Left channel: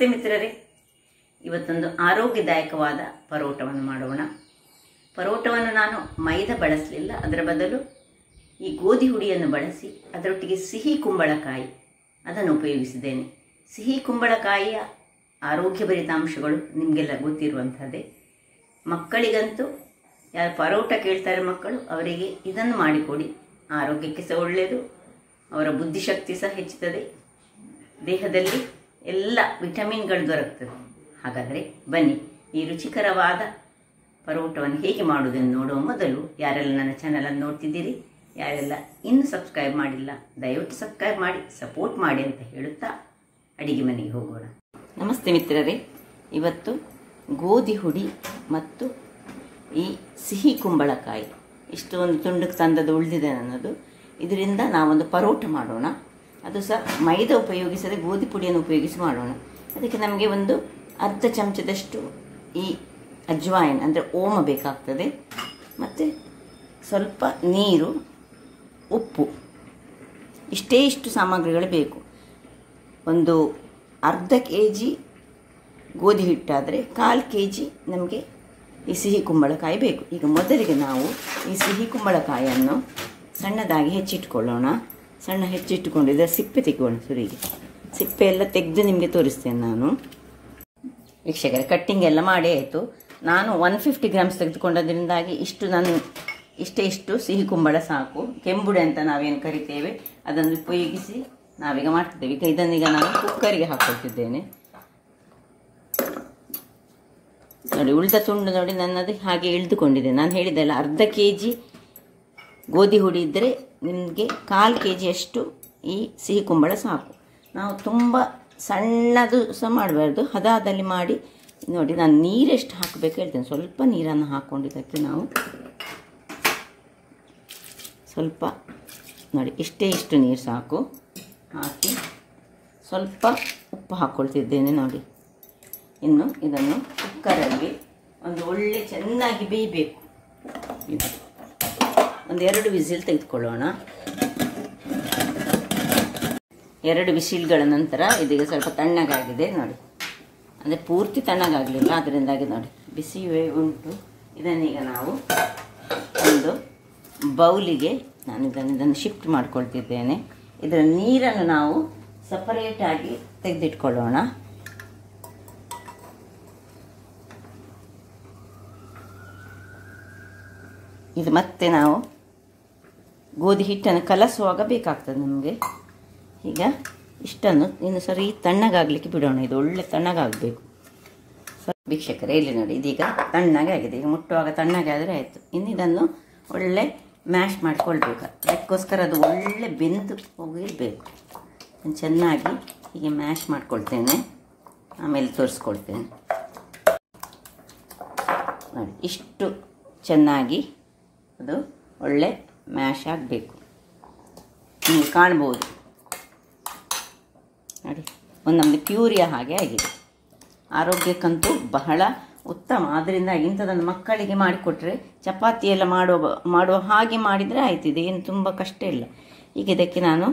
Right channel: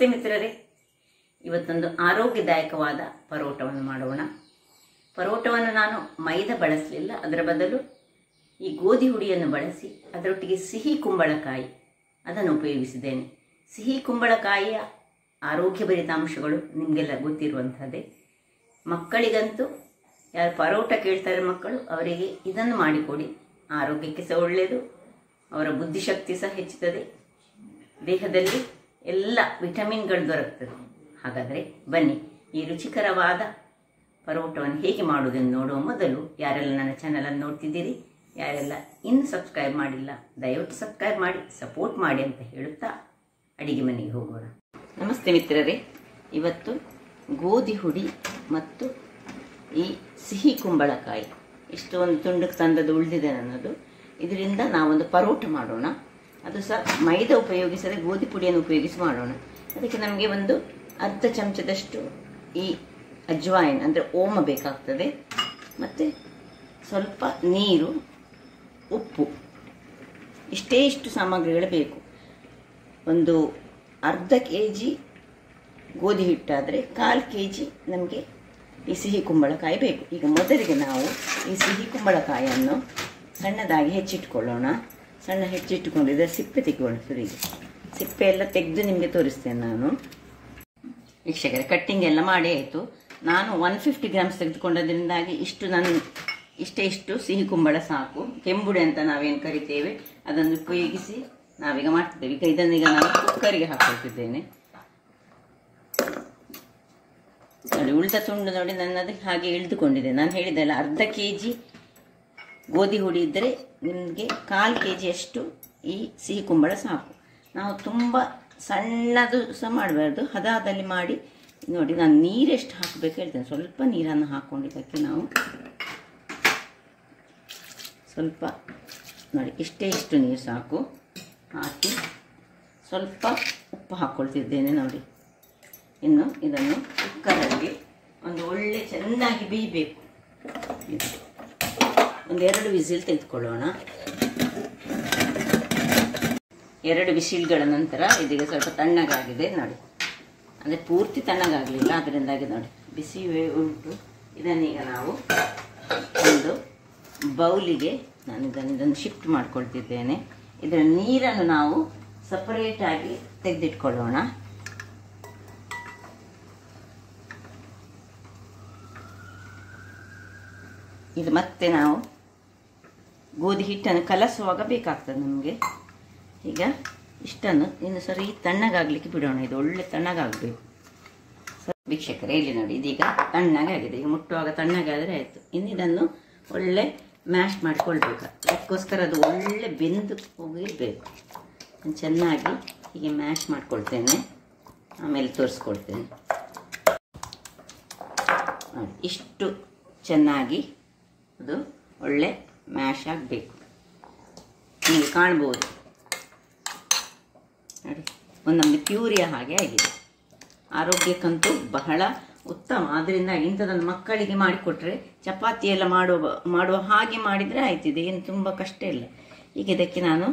ನಮಸ್ತೆ ಮಿತ್ರರೇ, ಇವತ್ತೊಂದು ಆರೋಗ್ಯದಾಯಕವಾದ ಪರೋಟವನ್ನು ಮಾಡೋಣ. ಪರೋಟವನ್ನು ನಾನು ಮೈದಾ ಬಳಸಲಿಲ್ಲ, ಅದರ ಬದಲು ಈ ಗೋಧಿ ಹುಡಿಯನ್ನು ಬಳಸಿ ಅದರೊಟ್ಟಿಗೆ ಸಿಹಿ ಕುಂಬಳಕಾಯಿ ಅದನ್ನು ಉಪಯೋಗಿಸಿದ್ದೇನೆ. ಸಿಹಿ ಕುಂಬಳಕಾಯಿಯ ಆರೋಗ್ಯಭರಿತ ಅಂಶಗಳು ನಿಮಗೆಲ್ಲ ಗೊತ್ತಿರುವಂಥದ್ದೇ. ಮಕ್ಕಳಿಗಂತೂ ಯಾರು ಪರೋಟ ಕೇಳ್ತಾರೆ ಮಕ್ಕಳು, ಅವರಿಗೆ ಇದನ್ನು ಮಾಡಿಕೊಡಿ. ಆರೋಗ್ಯಕ್ಕೆ ಸಹ ಒಳ್ಳೆಯದು, ಅವರ ಬುದ್ಧಿಶಕ್ತಿ ಸಹ ಹೆಚ್ಚುತ್ತದೆ, ದೇಹದಲ್ಲಿ ಎಲ್ಲ ವಿಟಮಿನ್ಗಳು ದೊರಕುತ್ತದೆ. ಹಾಗಾದರೆ ಬನ್ನಿ, ಈ ರುಚಿಕರವಾದ ಪರೋಟವನ್ನು ಹೇಗೆ ಮಾಡುವುದನ್ನು ನೋಡುವ ಮೊದಲು ಯಾರೆಲ್ಲ ನನ್ನ ಚಾನಲನ್ನು ನೋಡ್ತಿದ್ದೀರಿ, ಯಾರೆಲ್ಲ ಇನ್ನೂ ಸಬ್ಸ್ಕ್ರೈಬ್ ಮಾಡಿಲ್ಲ, ದಯವಿಟ್ಟು ಸಬ್ಸ್ಕ್ರೈಬ್ ಮಾಡಿ ಸಪೋರ್ಟ್ ಮಾಡಿ ಅಂತ ಹೇಳುತ್ತಾ ಅಡಿಗೆ ಮನೆಗೆ ಹೋಗೋಣ. ನಮಸ್ತೆ ಮಿತ್ರರೇ, ಇವತ್ತು ಗೋಧಿ ಹುಡಿ ಮತ್ತು ಈ ಸಿಹಿ ಕುಂಬಳಕಾಯಿ ಇಷ್ಟು ಒಂದು ತುಂಡಕ್ಕೆ ತಂದದ್ದು ಉಳಿದಿದೆ ನನ್ನದು. ಇದರಿಂದ ನಾವೊಂದು ಪರೋಟ ಮಾಡೋಣ. ಅದು ಸಹ ಮೈದಾ ಉಪಯೋಗಿಸದೆ ಗೋಧಿ ಪುಡಿಯನ್ನು ಉಪಯೋಗಿಸಿ ಮಾಡೋಣ. ಅದಕ್ಕೆ ನಮಗೆ ಒಂದು ಅರ್ಧ ಚಮಚದಷ್ಟು ಈ ಅಜ್ವಾಯಿನ್ ಅಂದರೆ ಓಮ ಬೇಕಾಗ್ತದೆ, ಮತ್ತು ಸ್ವಲ್ಪ ನೀರು, ಉಪ್ಪು, ಇಷ್ಟು ಸಾಮಗ್ರಿಗಳು ಬೇಕು. ಒಂದು ಅರ್ಧ kg ಗೋಧಿ ಹಿಟ್ಟಾದರೆ 1/4 kg ನಮಗೆ ಈ ಸಿಹಿ ಕುಂಬಳಕಾಯಿ ಬೇಕು. ಈಗ ಮೊದಲಿಗೆ ನಾವು ಈ ಸಿಹಿ ಕುಂಬಳಕಾಯಿಯನ್ನು ಸಣ್ಣದಾಗಿ ಹೆಚ್ಚಿಟ್ಕೊಳ್ಳೋಣ. ಸಣ್ಣ ಹೆಚ್ಚಿಟ್ಟುಕೊಂಡಿದ್ದರೆ ಸಿಪ್ಪೆ ತೆಗೆಯೋಣ. ಸುರಿಗೆ ಸಿಪ್ಪೆ ಎಲ್ಲ ತೆಗೆದು ನಿಮಗೆ ತೋರಿಸ್ತೇನೆ ನಾನು. ವೀಕ್ಷಕರೇ, ಕಟ್ಟಿಂಗ್ ಎಲ್ಲ ಮಾಡಿ ಆಯಿತು. ನಾನು 150 ಗ್ರಾಮ್ಸ್ ತೆಗೆದುಕೊಂಡದ್ರಿಂದಾಗಿ ಇಷ್ಟು ಸಿಹಿ ಕುಂಬಳ ಸಾಕು. ಕೆಂಬುಡೆ ಅಂತ ನಾವೇನು ಕರಿತೇವೆ ಅದನ್ನು ಉಪಯೋಗಿಸಿ ನಾವೀಗ ಮಾಡ್ತಿದ್ದೇವೆ. ಇದನ್ನೀಗ ನಾನು ಕುಕ್ಕರಿಗೆ ಹಾಕೊಳ್ತಿದ್ದೇನೆ. ನೋಡಿ, ಉಳಿದ ತುಂಡು ನೋಡಿ ನನ್ನದು ಹಾಗೆ ಇಳಿದುಕೊಂಡಿದೆ. ನಾನು ಹೇಳಿದ್ದೆಲ್ಲ ಅರ್ಧ kg ಗೋಧಿ ಹುಡಿ ಇದ್ದರೆ ನಿಮಗೆ 1/4 kg ಅಷ್ಟು ಈ ಸಿಹಿ ಕುಂಬಳ ಸಾಕು. ನಾವು ತುಂಬ ಸಣ್ಣದು ಸಹ ಮಾಡಬಾರ್ದು, ಹದದಲ್ಲಿ ಮಾಡಿ. ನೋಡಿ, ನಾನು ನೀರೆಷ್ಟು ಹಾಕಬೇಕು ಹೇಳ್ತೇನೆ. ಸ್ವಲ್ಪ ನೀರನ್ನು ಹಾಕ್ಕೊಂಡಿದ್ದಕ್ಕೆ ನಾವು ಸ್ವಲ್ಪ ನೋಡಿ ಇಷ್ಟು ನೀರು ಸಾಕು ಹಾಕಿ ಸ್ವಲ್ಪ ಉಪ್ಪು ಹಾಕ್ಕೊಳ್ತಿದ್ದೇನೆ. ನೋಡಿ, ಇನ್ನು ಇದನ್ನು ಕುಕ್ಕರಲ್ಲಿ ಒಂದು ಒಳ್ಳೆ ಚೆನ್ನಾಗಿ ಬೇಯಬೇಕು. ಒಂದು 2 ವಿಸಿಲ್ ತೆಗೆದುಕೊಳ್ಳೋಣ. 2 ವಿಸಿಲ್ಗಳ ನಂತರ ಇದೀಗ ಸ್ವಲ್ಪ ತಣ್ಣಗಾಗಿದೆ. ನೋಡಿ, ಅಂದರೆ ಪೂರ್ತಿ ತಣ್ಣಗಾಗಲಿಲ್ಲ, ಅದರಿಂದಾಗಿ ನೋಡಿ ಬಿಸಿ ಉಂಟು. ಇದನ್ನೀಗ ನಾವು ಒಂದು ಬೌಲಿಗೆ ನಾನು ಇದನ್ನು ಶಿಫ್ಟ್ ಮಾಡ್ಕೊಳ್ತಿದ್ದೇನೆ. ಇದರ ನೀರನ್ನು ನಾವು ಸಪರೇಟಾಗಿ ತೆಗೆದಿಟ್ಕೊಳ್ಳೋಣ. ಇದು ಮತ್ತೆ ನಾವು ಗೋಧಿ ಹಿಟ್ಟನ್ನು ಕಲಸುವಾಗ ಬೇಕಾಗ್ತದೆ ನಮಗೆ. ಈಗ ಇಷ್ಟನ್ನು ಇನ್ನು ಸರಿ ತಣ್ಣಗಾಗಲಿಕ್ಕೆ ಬಿಡೋಣ. ಇದು ಒಳ್ಳೆ ತಣ್ಣಗಾಗಬೇಕು. ವೀಕ್ಷಕರೇ, ಇಲ್ಲಿ ನೋಡಿ, ಇದೀಗ ತಣ್ಣಗಾಗಿದೆ. ಈಗ ಮುಟ್ಟುವಾಗ ತಣ್ಣಗಾದರೆ ಆಯಿತು. ಇನ್ನು ಇದನ್ನು ಒಳ್ಳೆ ಮ್ಯಾಶ್ ಮಾಡಿಕೊಳ್ಬೇಕು. ಅದಕ್ಕೋಸ್ಕರ ಅದು ಒಳ್ಳೆ ಬೆಂದು ಹೋಗಿರಬೇಕು. ನಾನು ಚೆನ್ನಾಗಿ ಹೀಗೆ ಮ್ಯಾಶ್ ಮಾಡ್ಕೊಳ್ತೇನೆ, ಆಮೇಲೆ ತೋರಿಸ್ಕೊಳ್ತೇನೆ. ಇಷ್ಟು ಚೆನ್ನಾಗಿ ಅದು ಒಳ್ಳೆ ಮ್ಯಾಶ್ ಆಗಬೇಕು. ನಿಮಗೆ ಕಾಣ್ಬೋದು ನೋಡಿ, ಒಂದು ನಮಗೆ ಪ್ಯೂರಿಯ ಹಾಗೆ ಆಗಿದೆ. ಆರೋಗ್ಯಕ್ಕಂತೂ ಬಹಳ ಉತ್ತಮ. ಆದ್ದರಿಂದ ಇಂಥದನ್ನು ಮಕ್ಕಳಿಗೆ ಮಾಡಿಕೊಟ್ರೆ ಚಪಾತಿ ಎಲ್ಲ ಮಾಡುವ ಹಾಗೆ ಮಾಡಿದರೆ ಆಯ್ತಿದೆ, ಏನು ತುಂಬ ಕಷ್ಟ ಇಲ್ಲ. ಈಗ ಇದಕ್ಕೆ ನಾನು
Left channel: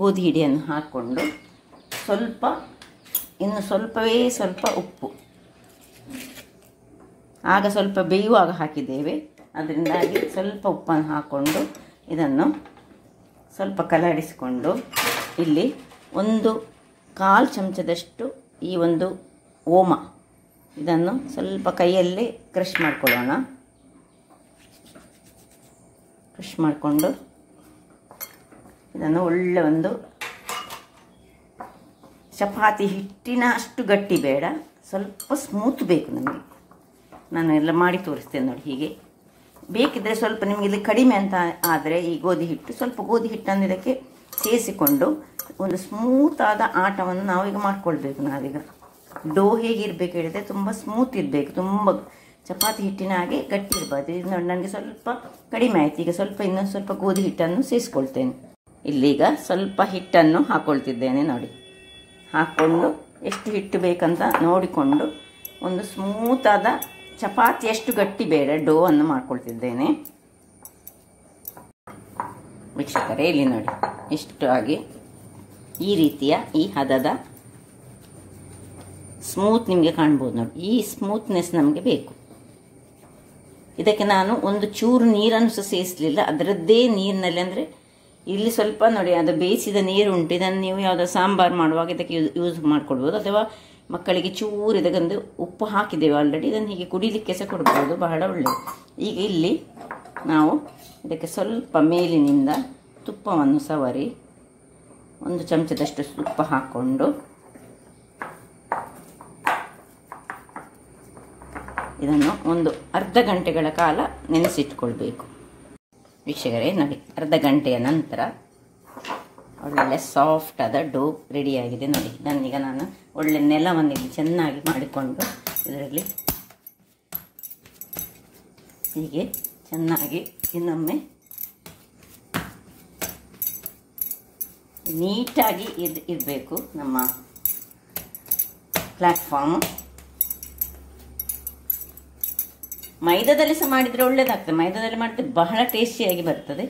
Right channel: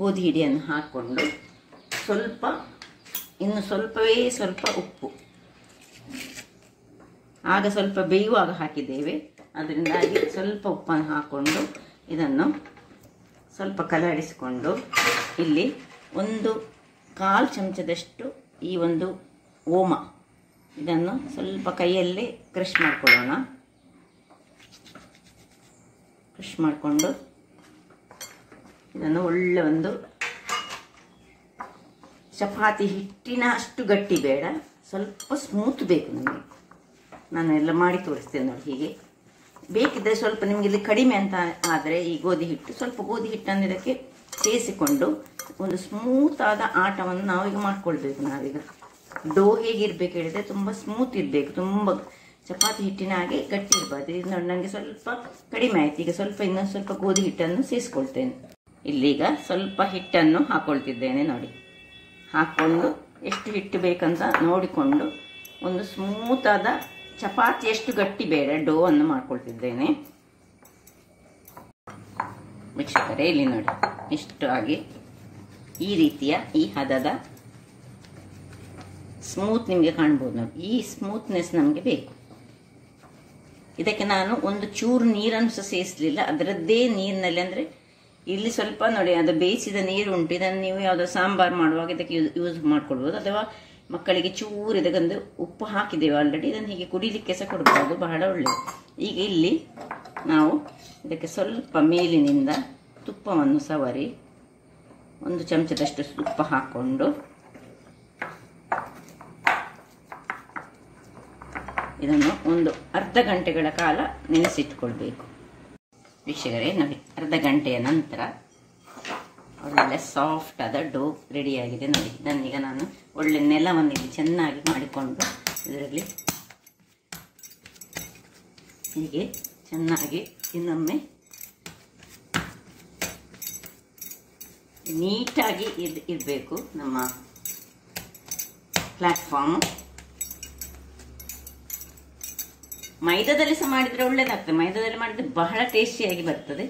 ಗೋಧಿ ಹಿಡಿಯನ್ನು ಹಾಕ್ಕೊಂಡು ಇನ್ನು ಸ್ವಲ್ಪ ಉಪ್ಪು, ಆಗ ಸ್ವಲ್ಪ ಬೇಯುವಾಗ ಹಾಕಿದ್ದೇವೆ, ಅದರಿಂದಾಗಿ ಸ್ವಲ್ಪ ಉಪ್ಪನ್ನು ಹಾಕ್ಕೊಂಡು ಇದನ್ನು ಸ್ವಲ್ಪ ಕಲಡಿಸಿಕೊಂಡು ಇಲ್ಲಿ 1/4 ಚಮಚದಷ್ಟು ಈ ಒಂದು ಓಮ ಇದನ್ನು ಸ್ವಲ್ಪ ಕೈಯಲ್ಲೇ ಕ್ರಷ್ ಮಾಡ್ಕೊಳ್ಳೋಣ. ಕ್ರಷ್ ಮಾಡಿಕೊಂಡು ಇದನ್ನು ಒಳ್ಳೆ ಒಂದು ಚಪಾತಿ ಹಿಟ್ಟಿನ ಅಷ್ಟು ಗಟ್ಟಿ ಬೇಡ, ಸ್ವಲ್ಪ ಸ್ಮೂತ್ ಬೇಕು ನಮಗೆ. ನಾನು ಎಲ್ಲ ಮಾಡಿ ತೋರಿಸ್ತೇನೆ ನೋಡಿ. ಹೀಗೆ ಬೇಕಿದ್ರೆ ಸ್ವಲ್ಪ ನಿಮಗೆ ಇಲ್ಲಿ ಕಡಿಮೆ ಅಂತ ಆದರೆ ಈ ಗೋಧಿ ಹಿಟ್ಟು, ಸ್ವಲ್ಪ ಗೋಧಿ ಹಿಟ್ಟನ್ನು ಇದಕ್ಕೆ ಸೇರಿಸಿಕೊಂಡು ಒಂದು ಸ್ಮೂತ್ ಆದ ಆಟವನ್ನು ನಾವೀಗ ಮಾಡ್ಕೊಳ್ಬೇಕು. ನಾವೀಗ ಡೋ ಹೇಗಿರ್ಬೇಕು ಹೇಳಿದ್ರೆ ತುಂಬ ಸ್ಮೂತ್ ಇರಬೇಕು, ತುಂಬ ಚಪಾತಿ ಹಿಟ್ಟಿನ ಹಾಗೆ ಗಟ್ಟಿ ಇರಬಾರ್ದು. ಇದು ನೋಡಿ, ನನಗೆ ಸ್ವಲ್ಪ ಕಡಿಮೆ ಆಯ್ತು. ಈಗ ಇನ್ನೊಂದು ಸ್ವಲ್ಪ ಗೋಧಿ ಹಿಟ್ಟನ್ನು ಸೇರಿಸ್ಕೊಳ್ತೇನೆ. ಇಲ್ಲೀಗ ಸ್ವಲ್ಪ ಹಿಟ್ಟನ್ನು ಹಾಕ್ಕೊಳ್ತಿದ್ದೇನೆ. ನೋಡಿ, ಹಾಕ್ಕೊಂಡು ಎಷ್ಟು ಹಿಟ್ಟು ಬೇಕಂತ ನೋಡಿಕೊಂಡು ಒಂದು ಸ್ಮೂತ್ ಆದ ಚಪಾತಿ ಎಷ್ಟು ಗಟ್ಟಿ ಬೇಡ ಡೋ ಅನ್ನು ಮಾಡ್ಕೊಳ್ತಿದ್ದೇನೆ. ವೀಕ್ಷಕರೇ, ಇಲ್ಲಿ ನೋಡಿ, ಇಷ್ಟು ಆಗಿ ಈ ರೀತಿಯ ಈ ಹದದ ಸ್ಮೂತ್ ನಿಮಗೆ ಕಾಣ್ಬೋದು ನೋಡಿ. ಈ ಸ್ಮೂತ್ನೆಸ್ ನಮಗೆ ಬೇಕು. ಇದಕ್ಕೆ ನಾನು ಒಂದು ಚೂರು ನೀರನ್ನು ಸಹ ಸೇರಿಸಲಿಲ್ಲ, ಅದರದ್ದೇ ನೀರಿನಲ್ಲಿ. ಅಂದರೆ ಇಲ್ಲಿ ಸ್ವಲ್ಪ ನೋಡಿ, ಅದು ಬೇಯಿಸಿದ ನೀರು ಉಂಟು, ಇದನ್ನು ನೀವು ಯಾವುದೋ ಸಾಂಬಾರು ಮಾಡುವಾಗ ಇದಕ್ಕೆ ಯೂಸ್ ಮಾಡ್ಕೊಳ್ಬೋದು. ಅಥವಾ ಮಕ್ಕಳಿಗೆ ಚೂರು ಇದಕ್ಕೊಂದು ಉಪ್ಪು ಹಾಕಿದ್ದೇವೆ ಆಲ್ರೆಡಿ, ಇದನ್ನು ಹೀಗೆ ಕುಡಿಲಿಕ್ಕೆ ಸಹ ಕೊಡ್ಬೋದು, ಬಹಳ ಒಳ್ಳೆಯದು. ಈಗ ಇಲ್ಲಿ ನಾವು ಇದಕ್ಕೆ ಸ್ವಲ್ಪ ಮೇಲಿನಿಂದ ತುಪ್ಪವನ್ನು ಸವರಿ, 1 ಚಮಚದಷ್ಟು ತುಪ್ಪ ಹಾಕ್ಕೊಂಡು ಇದನ್ನು ಒಂದು ಅರ್ಧ ಗಂಟೆಗಳ ಕಾಲ ನೆನೆಸಿಟ್ಕೊಳ್ಬೇಕು. ವೀಕ್ಷಕರೇ ನೋಡಿ, ಅರ್ಧ ಗಂಟೆಯ ನಂತರ ಒಳ್ಳೆ ಸಾಫ್ಟ್ ಆದ ಡೋ ರೆಡಿಯಾಗಿದೆ ನೋಡಿ. ಇದನ್ನೀಗ ನಾನು ಒಳ್ಳೆ ನೆಲವನ್ನು ಇಲ್ಲಿ ಚೆನ್ನಾಗಿ ಮಾಡಿಕೊಂಡು ಇದರಲ್ಲಿ ಹೀಗೆ ಚೆನ್ನಾಗಿ ಇನ್ನೊಮ್ಮೆ ನೀಟಾಗಿ ಇರಬೇಕು ನಮ್ಮ ಪ್ಲಾಟ್ಫಾರ್ಮ್. ಮೈದಾದಲ್ಲಿ ಸಹ ಮಾಡಿದರೆ ಒಳ್ಳೇದಾಗ್ತದೆ, ಮೈದಾದಲ್ಲಿ ಮಾಡಿದ್ರೆ ಬಹಳ ಟೇಸ್ಟಿಯಾಗಿ ಬರ್ತದೆ.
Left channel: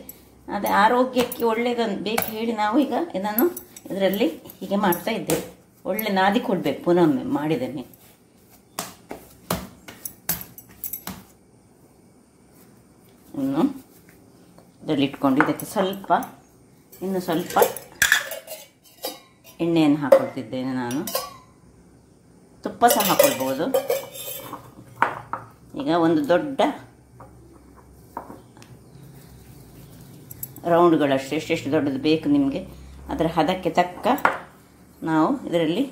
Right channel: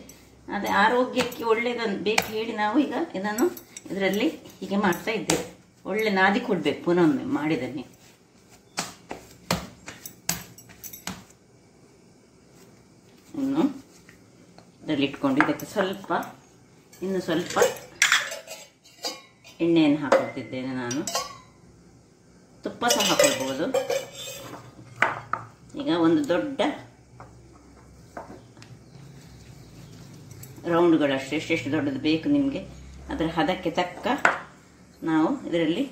ಅದೇ ಆರೋಗ್ಯಕ್ಕೆ ಒಳ್ಳೇದನ್ನು ಬೇಕು ಹೇಳಿ ನಾವು ಈಗ ಇದನ್ನು ಇದರಲ್ಲಿ ಹೀಗೆ ಮಾಡ್ತಾ ಇದ್ದೇವೆ. ಒಳ್ಳೆ ನಾದಿಕೊಳ್ಬೇಕು ಪುನೊಮ್ಮೆ ಮಾಡಿದನ್ನೇ. ಇನ್ನು ಇದರಲ್ಲಿ ಇಟ್ಕೊಂಡು ಇದಕ್ಕೆ ಇನ್ನು ಸ್ವಲ್ಪ ಎಣ್ಣೆಯನ್ನು ಹಾಕೊಳ್ತಿದ್ದೇನೆ ನಾನು. ತುಪ್ಪ ಸಹ ಹಾಕೊಳ್ಬಹುದು. ಈಗ ಒಂದು ದೊಡ್ಡ ರೌಂಡ್ಗಳಷ್ಟು ಎಷ್ಟೆಷ್ಟು ದೊಡ್ಡದು ಬೇಕು ನಿಮಗೆ ಅದರ ಹದಕ್ಕೆ ತಕ್ಕ ನಾವು ಇದರಲ್ಲಿ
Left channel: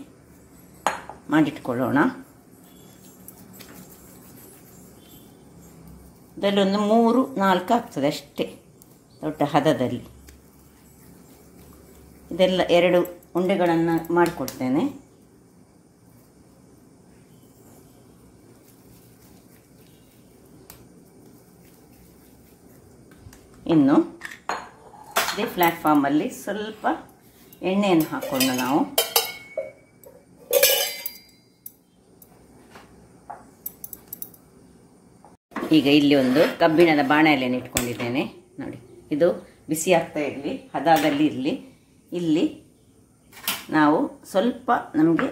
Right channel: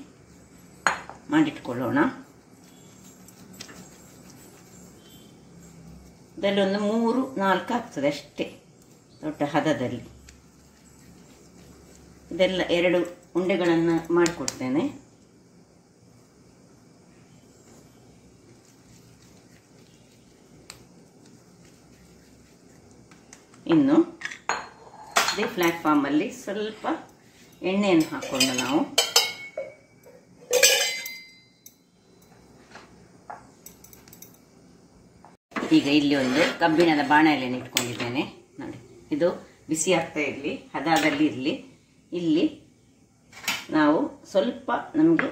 ಮಾಡಿಟ್ಕೊಳ್ಳೋಣ. ಇದರಲ್ಲಿ ಒಂದು 3-4 ಆಗ್ತದೆ ಅಷ್ಟೇ ದೊಡ್ಡ ಹದದಲ್ಲಿ. ಇದೆಲ್ಲ 2 ಉಂಡೆಗಳನ್ನು ಮಾಡಿಕೊಡ್ತೇನೆ. ಇನ್ನು ಇದೇ ಪ್ಲಾಟ್ಫಾರ್ಮಲ್ಲಿ ಸ್ವಲ್ಪ ಎಣ್ಣೆಯನ್ನು ಹಾಕೊಂಡು ನಾವು ಈಗ ಇಲ್ಲಿ ಒಂದು ಕಬ್ಬಿಣದ ಬಾಣಲೆಯನ್ನು ಇಟ್ಕೊಂಡಿದ್ದೇನೆ ನೋಡಿ. ಇದು ಬಿಸಿ ಆಗ್ತಾ ಇರಲಿ, ಹದದಲ್ಲಿ ಇರಲಿ. ಇಲ್ಲಿ ನಾವು ಸ್ವಲ್ಪ ನಮಗೆ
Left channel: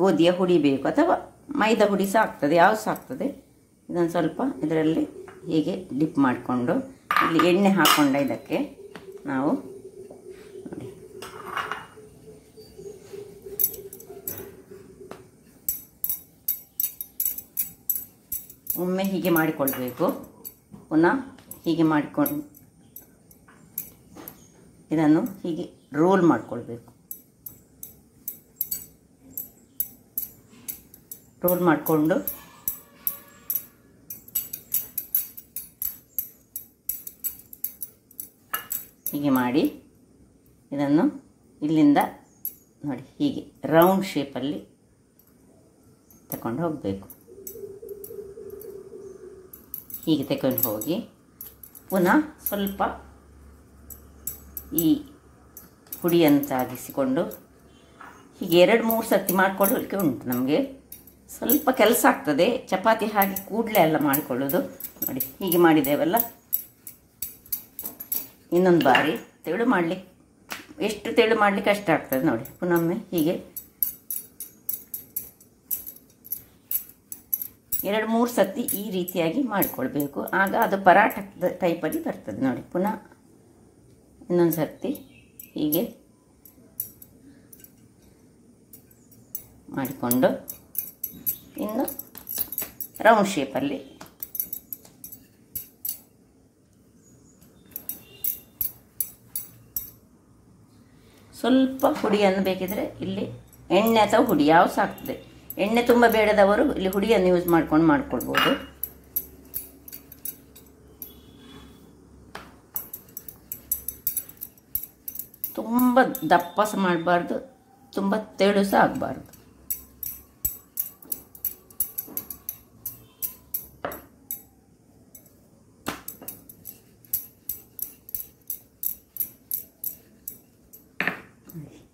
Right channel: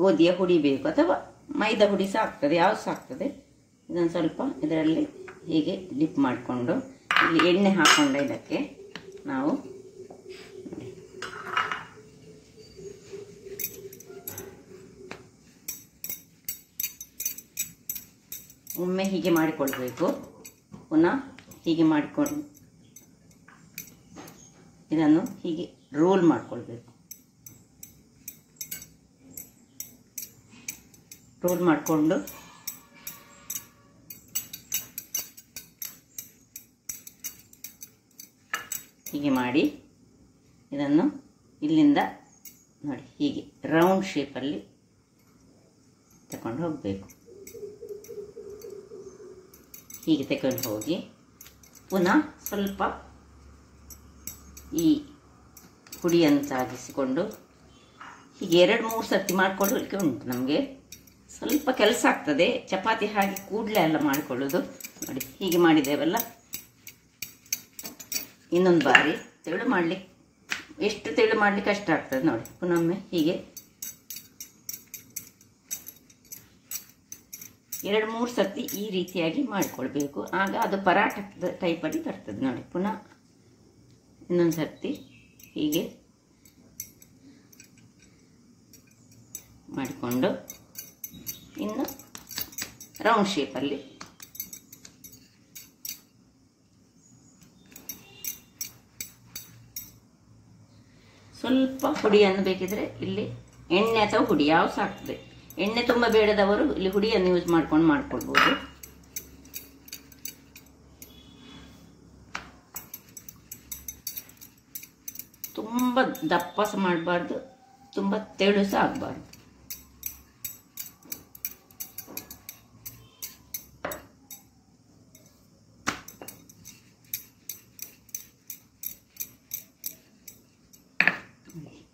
ಗೋಧಿಯ ಹುಡಿ ಬೇಕು ಅಥವಾ ಮೈದಾ ಹುಡಿ ಸಹ ಆಗ್ತದೆ, ಯಾವ ಸಹ ಆಗ್ತದೆ. ಇದನ್ನು ಸ್ವಲ್ಪ ಇದರಲ್ಲಿ ಹೀಗೆ ಡಿಪ್ ಮಾಡಿಕೊಂಡು ಇಲ್ಲಿ ಎಣ್ಣೆ ಹಾಕೊಂಡ ಇದಕ್ಕೆ ನಾವು ನೋಡಿ ಒಮ್ಮೆ ಹೀಗೆ ಮಾಡಿಕೊಳ್ಬೇಕು. ಪುನಃ ಹೀಗೆ ಮಾಡಿಕೊಂಡು ಇದನ್ನು ಹೀಗೆ ರೋಲ್ ಮಾಡಿಕೊಳ್ಬೇಕು. ರೋಲ್ ಮಾಡಿಕೊಂಡು ಹೀಗೆ ಮಾಡಿ ಇದನ್ನು ಇಲ್ಲಿಂದ ನೋಡಿ ಹೀಗೆ ರೌಂಡ್ ಶೇಪಲ್ಲಿ ತಗೊಂಡು ಹೋಗಬೇಕು. ಹೀಗೆ ತಗೊಂಡು ಹೋಗಿ ಪುನಃ ಸ್ವಲ್ಪ ಈ ಹುಡಿಯನ್ನು ಸಾಗಿಸಿಕೊಂಡು ಹೀಗೆ 2-3 ಸರ್ತಿ ಮಾಡಿಕೊಳ್ಳಲಿಕ್ಕೆ ಉಂಟು. ನಮಗೆ ಸ್ವಲ್ಪ ಕೆಲಸ ಆಗ್ತದೆ, ಚಪಾತಿ ಹಾಗೆ ಕೂಡಲೇ ಎಲ್ಲ ಮಾಡಿಕೊಳ್ಳೋದು ನೋಡಿ. ಹೀಗೆ ಮಾಡಿದ್ದೇವಲ್ಲ, ಇನ್ನೊಂದು ಬಾರಿ ತೆಳು ಮಾಡಲಿಕ್ಕೆ ಎಷ್ಟು ತೆಳು ಮಾಡಲಿಕ್ಕೆ ಕಷ್ಟ ಆಗ್ತದೆ ನೋಡಿ. ಪುನೊಮ್ಮೆ ಹೀಗೆ 2-3 ಸರ್ತಿ ಈ ರೀತಿಯಾಗಿ ಮಾಡಿಕೊಳ್ಬೇಕು. ಆಗ ಅದು ಪರಾಠದ ಟೈಪಲ್ಲಿ ಬರ್ತದೆ ನೋಡಿ. ಪುನಃ ಇನ್ನೊಂದು ಸರ್ತಿ ಹೀಗೆ ಮಾಡಿಕೊಂಡು ಇನ್ನು ರೌಂಡ್ ಶೇಪಲ್ಲಿ ಸ್ವಲ್ಪ ಹುಡಿಯನ್ನು ಬೇಕಿದ್ರೆ ಇಲ್ಲಿ ಎಣ್ಣೆ ಅಥವಾ ಹುಡಿ ಯಾವ ಸಹ ಆಗ್ತದೆ. ಎಣ್ಣೆ ತುಂಬ ಬೇಡದವರು ಇಲ್ಲಿ ಹುಡಿಯನ್ನು ಯೂಸ್ ಮಾಡ್ಕೊಂಡು ಮಾಡ್ಕೊಳ್ಬೋದು. ತುಂಬ ದಪ್ಪ ಸಹ ಮಾಡಬಾರ್ದು, ತುಂಬ ತೆಳು ಸಹ ಆಗಬಾರ್ದು.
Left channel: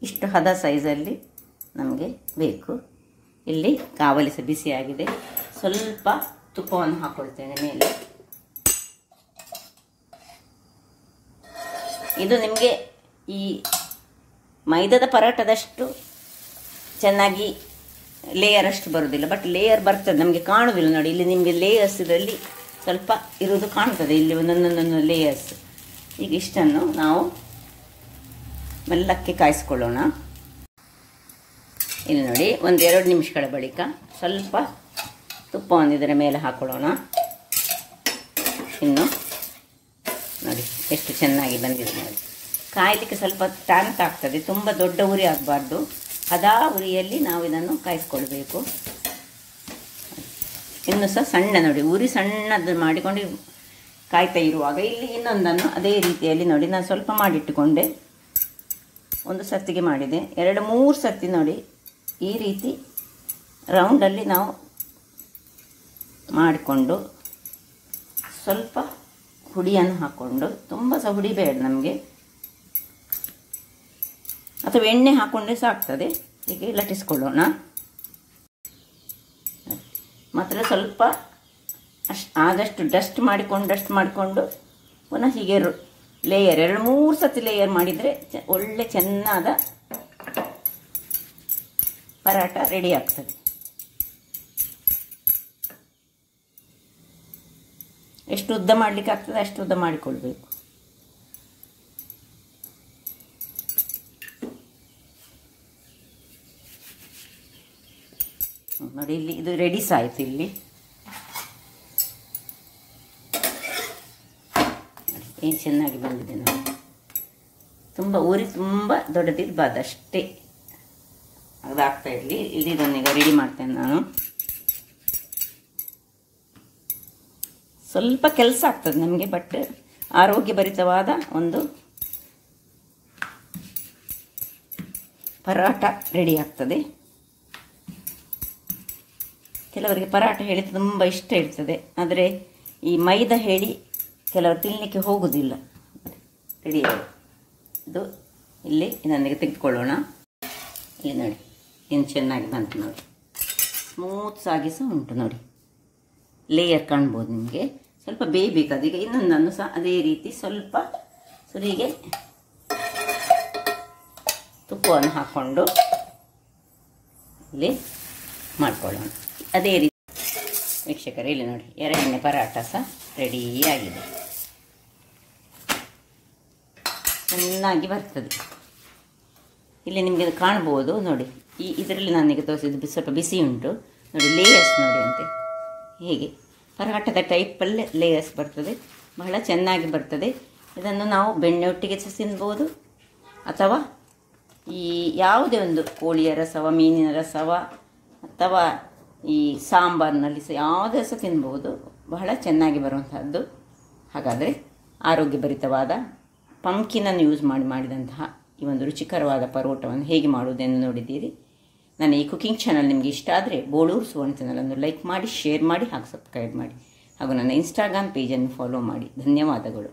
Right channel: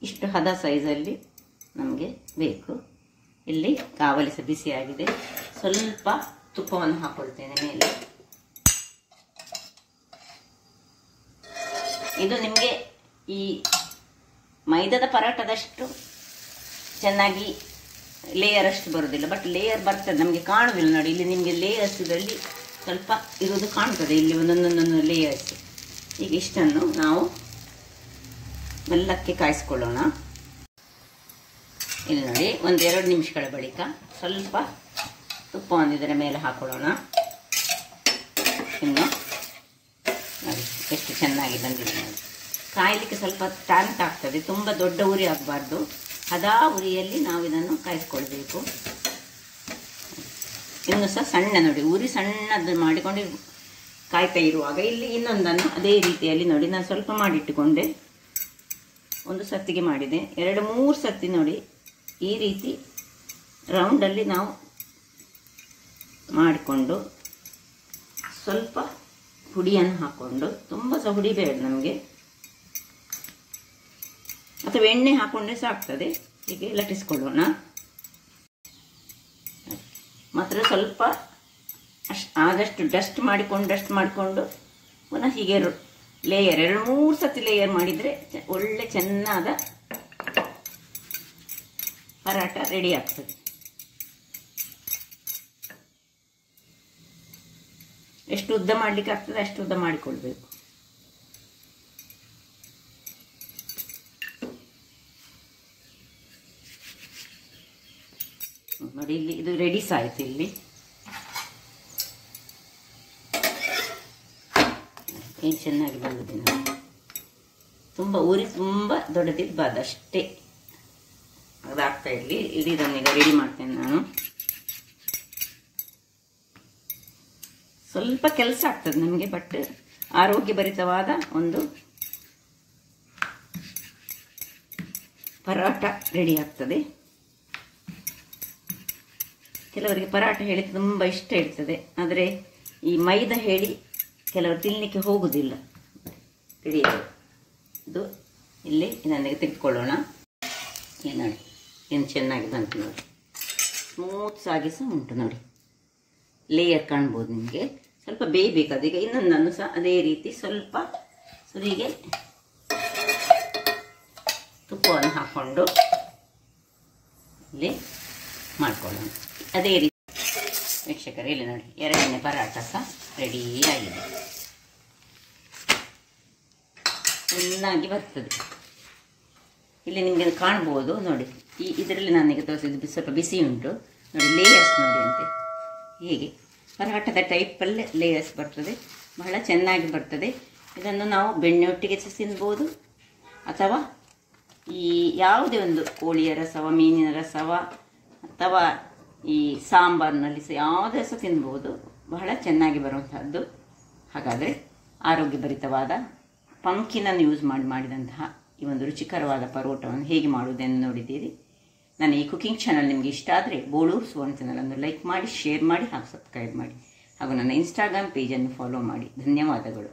ಇಷ್ಟು ಹದ ಸೈಜಲ್ಲಿ ನಮಗೆ ಬೇಕು. ಇಲ್ಲಿ ಕಾವಲಿ ಸಹ ಬಿಸಿಯಾಗಿದೆ. ಸ್ವಲ್ಪ ತುಪ್ಪವನ್ನು ಹಾಕೊಳ್ತೇನೆ ಮೇಲೆ. ಇದು ನಿಮಗೆ ಈ ಮೈದಾದ ಪರಾಟದಷ್ಟು ಚೆನ್ನಾಗಿ ಲೇಯರ್ ಅಷ್ಟು ಬರೋದಿಲ್ಲ, ಬಟ್ ಲೇಯರ್ ಬರ್ತದೆ, ನಮಗೆ ಕಾಣುವುದಿಲ್ಲ ನೋಡಿ. ಇಲ್ಲಿ ನಿಮಗೆ ಲೇಯರ್ಸ್ ಇದರಲ್ಲಿ ಸ್ವಲ್ಪ ಇರೋದು ಕಾಣ್ತದೆ, ಇಲ್ಲಿ ಒಂದೊಂದೊಂದೊಂದು ಲೇಯರ್ಸ್. ಈಗ ಇಷ್ಟನ್ನು ನಾವು ಮೆಲ್ಲಕ್ಕೆ ಕಾಯಿಸ್ಕೊಳ್ಳೋಣ. ಇಲ್ಲಿ ನೋಡಿ, 1-2 ನಿಮಿಷಗಳ ಬಳಿಕ ಸ್ವಲ್ಪ ತುಪ್ಪವನ್ನು ಇದರ ಮೇಲೆ ಹಾಕೊಳ್ಳೋಣ. ಇನ್ನು ನೋಡಿ ಎಷ್ಟು ಚೆನ್ನಾಗಿ ಬಂದಿದೆ ನೋಡಿ. ಕಾಯಲಿಕ್ಕೆ ಸ್ವಲ್ಪ ಟೈಮ್ ಆಗ್ತದೆ, ತುಂಬ ದೊಡ್ಡ ಉರಿ ಆಗಬಾರ್ದು, ಅದೇ ಉರಿಯಲ್ಲಿ ನಾವು ಇದನ್ನು ಕಾಯಿಸ್ಕೊಳ್ಬೇಕು. ಇನ್ನು ಸಹ ಸಣ್ಣ ನೋಡಿ, ಉರಿ ಸಣ್ಣದು ಮಾಡಿಕೊಂಡು ಕಾಯ್ತಾ ಇರುವಾಗ ಇಲ್ಲಿ ಇನ್ನೊಂದನ್ನು ಅದೇ ರೀತಿಯಲ್ಲಿ ನೋಡಿ ನಾನು ಸ್ವಲ್ಪ ಮಾಡಿಟ್ಟುಕೊಂಡೆ. ಒಂದು ಸತ್ತಿಗೆ ಮಾಡಿದೆ, 2-3 ಸತಿ ನೋಡಿ ಈ ರೀತಿ ರೌಂಡಲ್ಲಿ ನಾವು ಮಾಡಿಕೊಂಡು ಸ್ವಲ್ಪ ಹುಡಿಯನ್ನು ಹಾಕ್ಕೊಂಡು, ತುಂಬ ಸಹ ಹುಡಿ ಬೇಡ ನಮಗೆ, ಅಥವಾ ಎಣ್ಣೆ ಹಾಕ್ಕೊಂಡ್ರೆ ಸಾಕ್ತದೆ. ಹೀಗೆ ಲಟ್ಟಿಸ್ಕೊಳ್ಳೋಣ. ಮಾತ್ರ ಸ್ವಲ್ಪ ಆದಷ್ಟು ಡಸ್ಟ್ ಮಾಡಿಕೊಂಡು ಪುನಃ ಹೀಗೆ ಲೇಯರ್ 2-3 ಸತಿ ಲೇಯರ್ ಮಾಡಿದರೆ ಒಳ್ಳೆ ಚೆನ್ನಾದ ಪರಾಟ ರೆಡಿ ಆಗ್ತದೆ. ಎಷ್ಟು ಉದ್ದ ಮಾಡಲಿಕ್ಕೆ ಆಗ್ತದೆ ಅಷ್ಟು ಉದ್ದ ಮಾಡಿಕೊಳ್ಬೇಕು. ನೋಡಿ ಇಲ್ಲಿ ಇದು ರೆಡಿ ಆಯ್ತು. ಇಲ್ಲಿ ಏನು ಚೆನ್ನಾಗಿ ಬಂದಿದೆ ನೋಡಿ. ತುಂಬ ಉರಿ ತುಂಬ ದೊಡ್ಡದಿರಬಾರ್ದು, ಅಷ್ಟೇ ಅದಾಗ್ತಾ ಇರಲಿ. ಇದನ್ನೀಗ ರೆಡಿ ಮಾಡ್ತೇನೆ ನಾನು. ಸ್ವಲ್ಪ ಕೆಲಸ ಆಗ್ತದೆ ನಮಗೆ, ಬಟ್ ಆರೋಗ್ಯಭರಿತವಾದ ಒಂದು ಪರಾಟ ರೆಡಿ ಆಗ್ತದೆ. ಕೆಲವರಿಗೆ ಪರಾಟ ಹೇಳಿ ತುಂಬ ಇಷ್ಟ ಇರ್ತದೆ, ಆದರೆ ಈ ಮೈದಾ ಹೇಳಿ ಕೆಲವರು ತಿನ್ನಲಿಕ್ಕೆ ಹೋಗುವುದಿಲ್ಲ. ರೆಡಿ ಇದು ಇಲ್ಲಿ ನನಗೆ ತೆಗೆದುಕೊಳ್ಳೋಣ. ಇಲ್ಲಿ ನೋಡಿ ಏನು ಚೆನ್ನಾಗಿ ಬಂತು ನೋಡಿ, ಸ್ಮೂತ್ಸ್ ಆಗಿ ಸಹ ಉಂಟು ನೋಡಿ, ಲೇಯರ್ ಕಾಣ್ಬೋದು ನಿಮಗೆ. ಸ್ವಲ್ಪ ಬೇಯಬೇಕು. ಈಗ ಇನ್ನೊಂದನ್ನು ಸಹ ಅದೇ ರೀತಿ ಸ್ವಲ್ಪ ಸುರಿಗೆ ತುಪ್ಪವನ್ನು ಹಾಕ್ಕೊಂಡು ಇಲ್ಲಿ ಮಾಡ್ಕೊಳ್ಳೋಣ. ಅದೇ ರೀತಿ ವೀಕ್ಷಕರೇ ಇಲ್ಲಿ ನೋಡಿ, 2ನೇ ಪರಾಟ ಸಹ ರೆಡಿಯಾಗಿದೆ, ಚೆನ್ನಾಗಿ ಬರ್ತದೆ. ಇಲ್ಲಿ ನಿಮಗೆ ಕಾಣ್ಬೋದು ನೋಡಿ, ಇದರಲ್ಲಿ ನನಗೆ ತೋರಿಸಿದ್ದು ಸ್ವಲ್ಪ ಬಿಸಿ ಉಂಟು ನೋಡಿ, ಲೇಯರ್ಸ್ ನೋಡಿ ಅಂತೆ. ಹೀಗೆ ಪರಾಟದ ಟೈಪಲ್ಲೇ ಲೇಯರ್ಸ್ ಬರ್ತದೆ, ಬಹಳ ಚೆನ್ನಾಗಿ ಬರ್ತದೆ. ಇದನ್ನು ನಾವು ಬೆಣ್ಣೆಯೊಟ್ಟಿಗೆ ಸಹ ತಿನ್ಬೋದು, ಅಥವಾ ಈ ಯಾವುದೇ ಒಂದು ಕೋಳಿಯ ರಸವ, ಮೀನಿನ ರಸವ, ಅಥವಾ ಈ ಸಾಂಬಾರಿನಲ್ಲಿ ಸಹ ಯಾವುದೇ ಸಹ ತಿನ್ಬೋದು, ಬಹಳ ಚೆನ್ನಾಗಿ ಬರುವಂತಹದ್ದು. ಹಾಗಾದರೆ ಆರೋಗ್ಯಭರಿತವಾದ ಪಂಕಿನನ್ನು ಯೂಸ್ ಮಾಡಿದಂತಹ ಈ ಒಂದು ರುಚಿಕರವಾದ ಪರೋಟವನ್ನು ಹೇಗೆ ಮಾಡುವುದೆಂದು ನೋಡಿದ್ದೀರಿ. ನನ್ನ ಈ ಕುಕಿಂಗ್ ಚಾನಲ್ ನಿಮಗೆ ಇಷ್ಟ ಆದರೆ ಬೋಳೂರು ಸುವರ್ಣ ಚಾನಲನ್ನು ಲೈಕ್ ಮಾಡಿ, ಶೇರ್ ಮಾಡಿ ಹಾಗೂ ಸಬ್ಸ್ಕ್ರೈಬ್ ಮಾಡಿ, ಹಾಗೂ ನನ್ನ ಇನ್ಸ್ಟಾಗ್ರಾಮ್ ಪೇಜನ್ನು ಫಾಲೋ ಮಾಡಿ. ಧನ್ಯವಾದಗಳು.